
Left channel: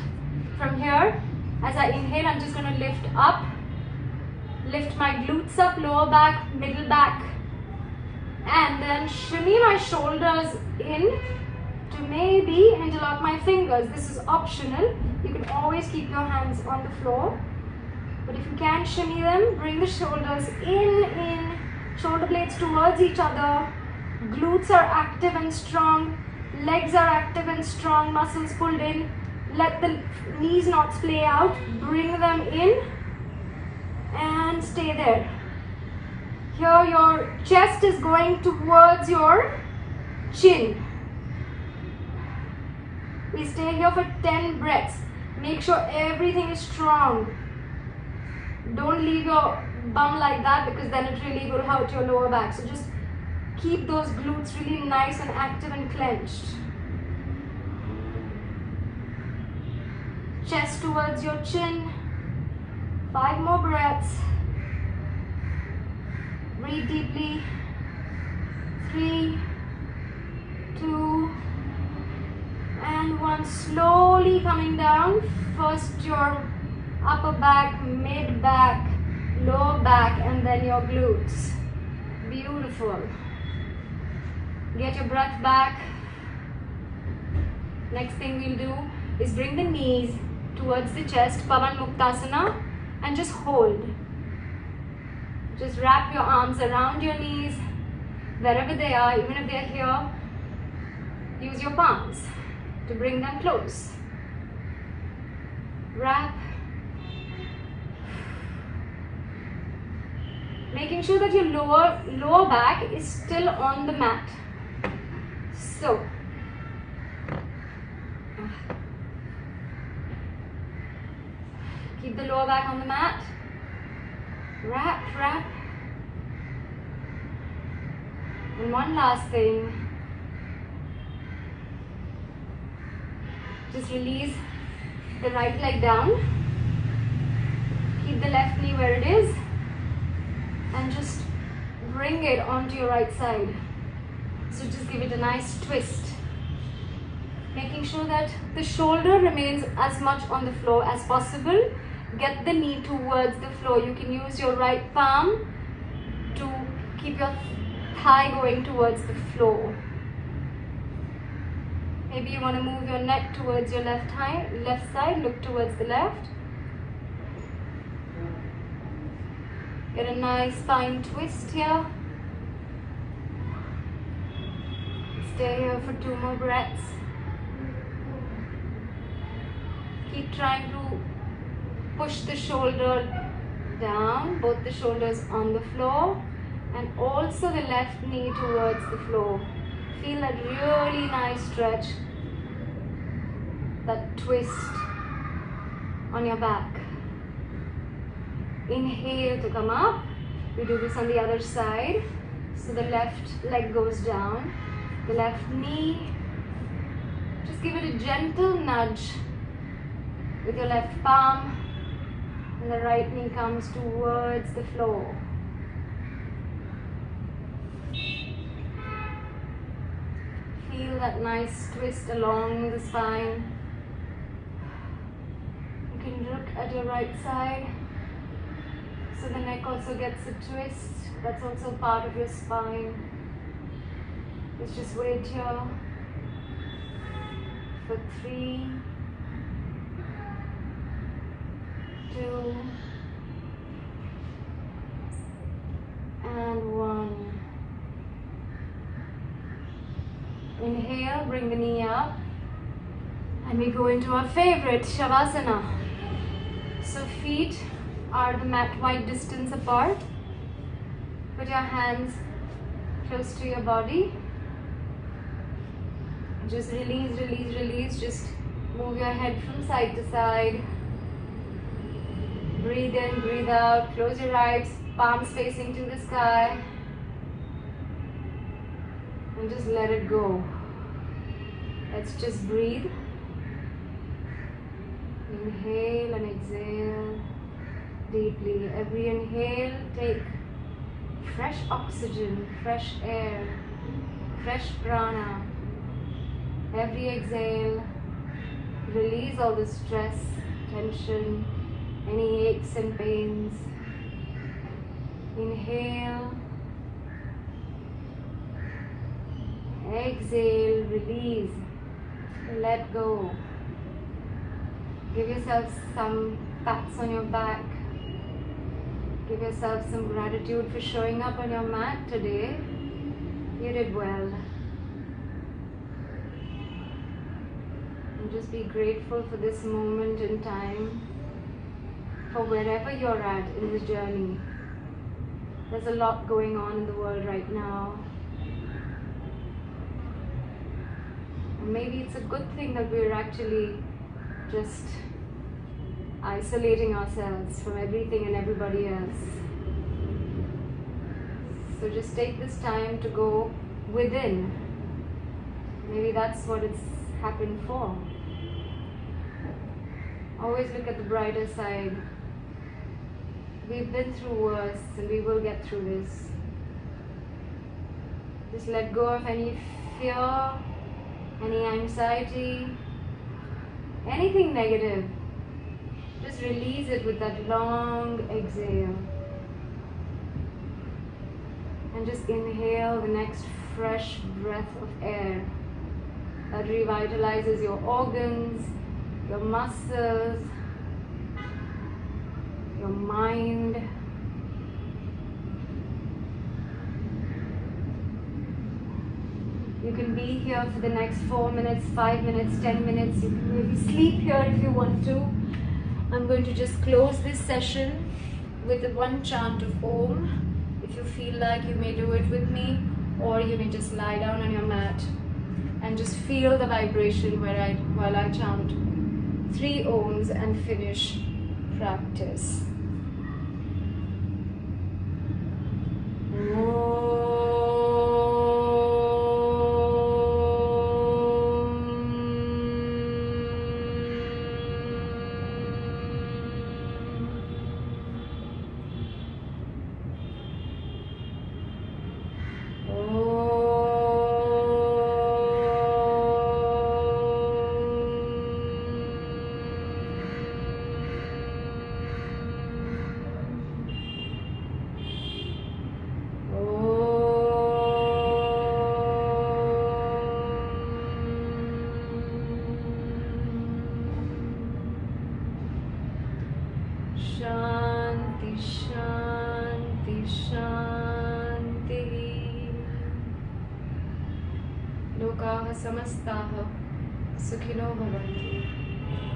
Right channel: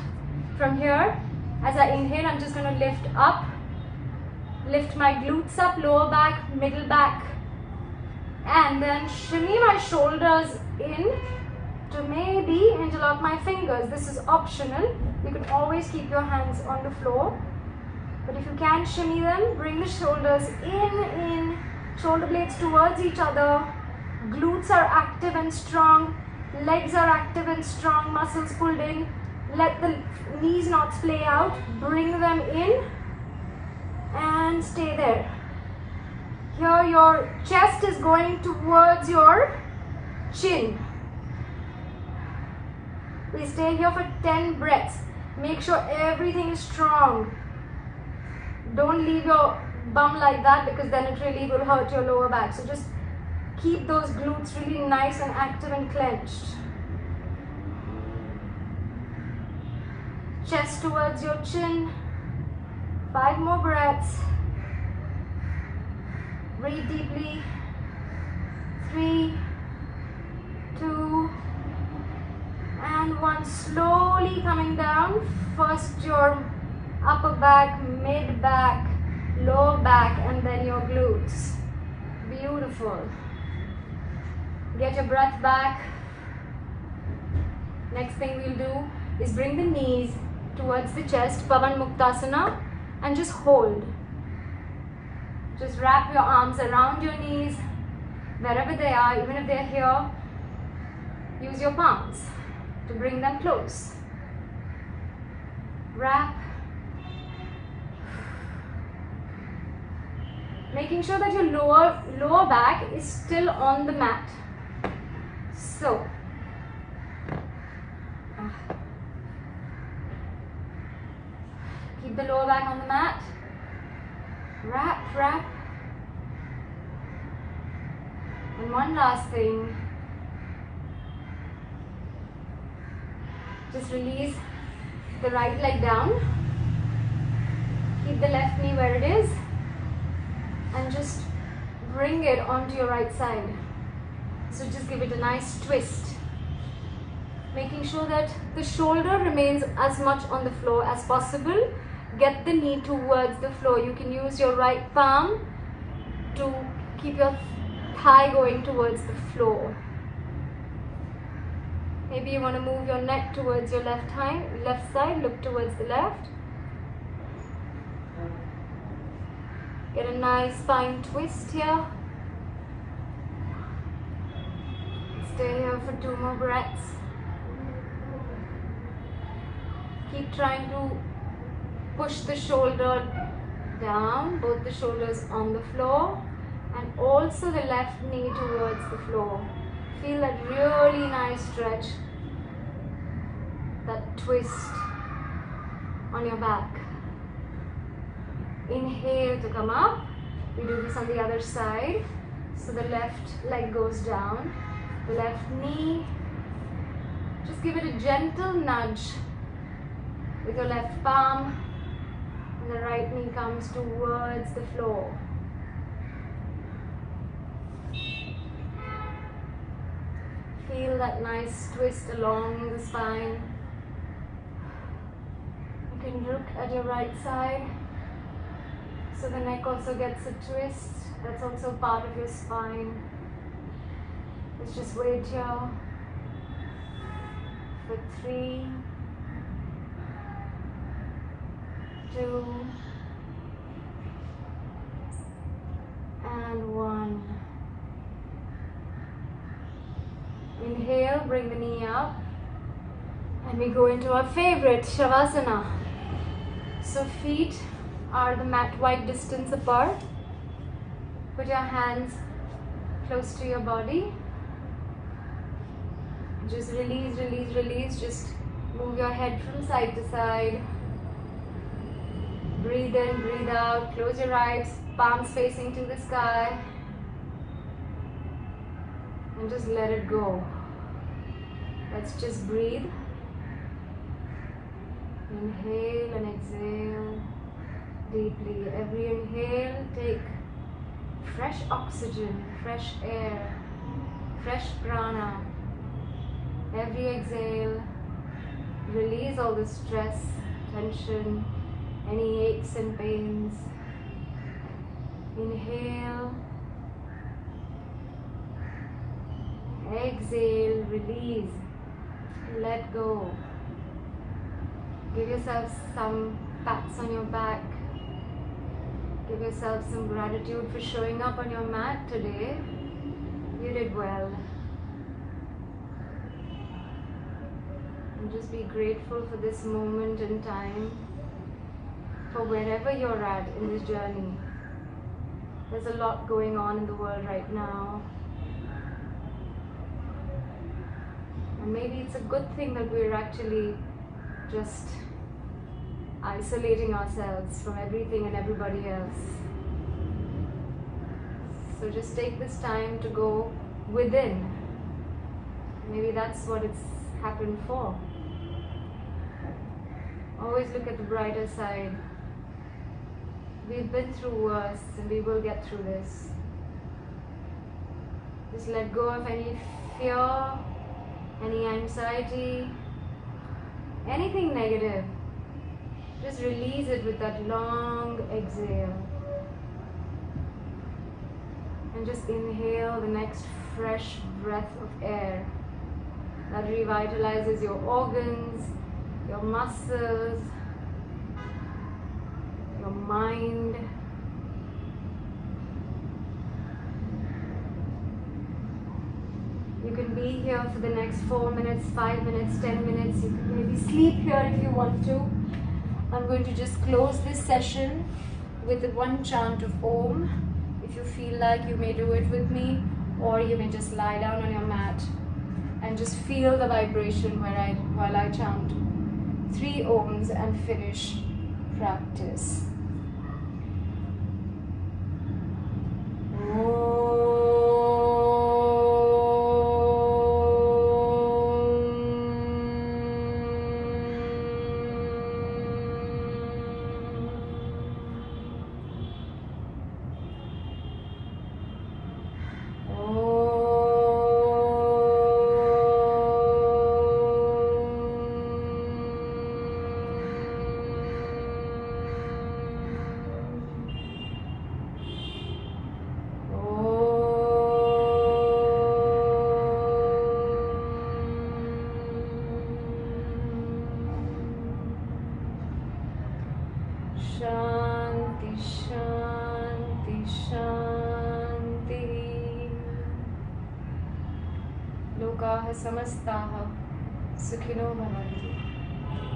From here, as I inhale, I'm just going to lift up, lift my glutes up, lower back, middle back, and then shimmy my shoulders in to maybe interlock my fingers. This is optional. You can always keep your hands on the floor, but if you can shimmy them, bring the shoulders in, shoulder blades towards each other. Glutes are active and strong, legs are active and strong, muscles pulled in. Let the knees not splay out, bring them in and stay there. Here your chest is going towards your chin. We stay here for 10 breaths. Make sure everything is strong. Don't leave your bum like that, because then it really will hurt your lower back. So just keep those glutes really nice and active and clenched. Chest towards your chin. 5 more breaths. Breathe deeply. 3, 2, and 1. Slowly coming down. First your upper back, mid back, lower back, and then your glutes. Beautiful. Get your breath back. Next thing we'll do is bring the knees towards the chest, Pavan Muktasana, and just hold. Just wrap your arms around your knees, wherever they are, even if they're here. Use your palms to bring them close. Wrap. Making sure that your lower back is still on the mat. So, keep the lower back on the mat. Wrap, wrap. And one last thing. Just release the right leg down. Keep the left knee where it is. And just bring it onto your right side. So just give it a nice twist. Making sure that the shoulder remains as much on the floor as possible. Get the knee towards the floor. You can use your right palm to keep your thigh going towards the floor. Maybe you want to move your neck towards your left side. Look towards the left. Get a nice spine twist here. Stay here for 2 more breaths. Keep trying to push the shoulder down, both the shoulders on the floor, and also the left knee towards the floor. Feel that really nice stretch, that twist on your back. Inhale to come up. We do this on the other side. So the left leg goes down, the left knee. Just give it a gentle nudge with your left palm, and the right knee comes towards the floor. Feel that nice twist along the spine. You can look at your right side. So the neck also gets a twist. That's also part of your spine. Let's just wait here for 3, 2, and 1. Inhale, bring the knee up, and we go into our favorite Shavasana. So feet are the mat wide distance apart. Put your hands close to your body. Just release, release, release. Just move your head from side to side. Breathe in, breathe out. Close your eyes, palms facing to the sky. And just let it go. Let's just breathe. Inhale and exhale deeply. Every inhale, take fresh oxygen, fresh air, fresh prana. Every exhale, release all the stress, tension, any aches and pains. Inhale, exhale, release, let go. Give yourself some pats on your back. Give yourself some gratitude for showing up on your mat today. You did well. And just be grateful for this moment in time, for wherever you're at in this journey. There's a lot going on in the world right now. And maybe it's a good thing that we're actually just isolating ourselves from everything and everybody else. So just take this time to go within. Maybe that's what it's happened for. Always look at the brighter side. We've been through worse and we will get through this. Just let go of any fear, any anxiety, anything negative. Just release it with that long exhale. And just inhale the next fresh breath of air that revitalizes your organs, your muscles, your mind. You can be here for the next 4 minutes, 5 minutes, 10 minutes. You can maybe sleep here if you want to. I'm going to just close this session with the one chant of Om. If you feel like, you may do it with me, or you may just lie down on your mat and just feel the vibration while I chant 3 Oms and finish practice. Shanti, Shanti, Shanti. Lokaha samastaha sukhino bhavantu.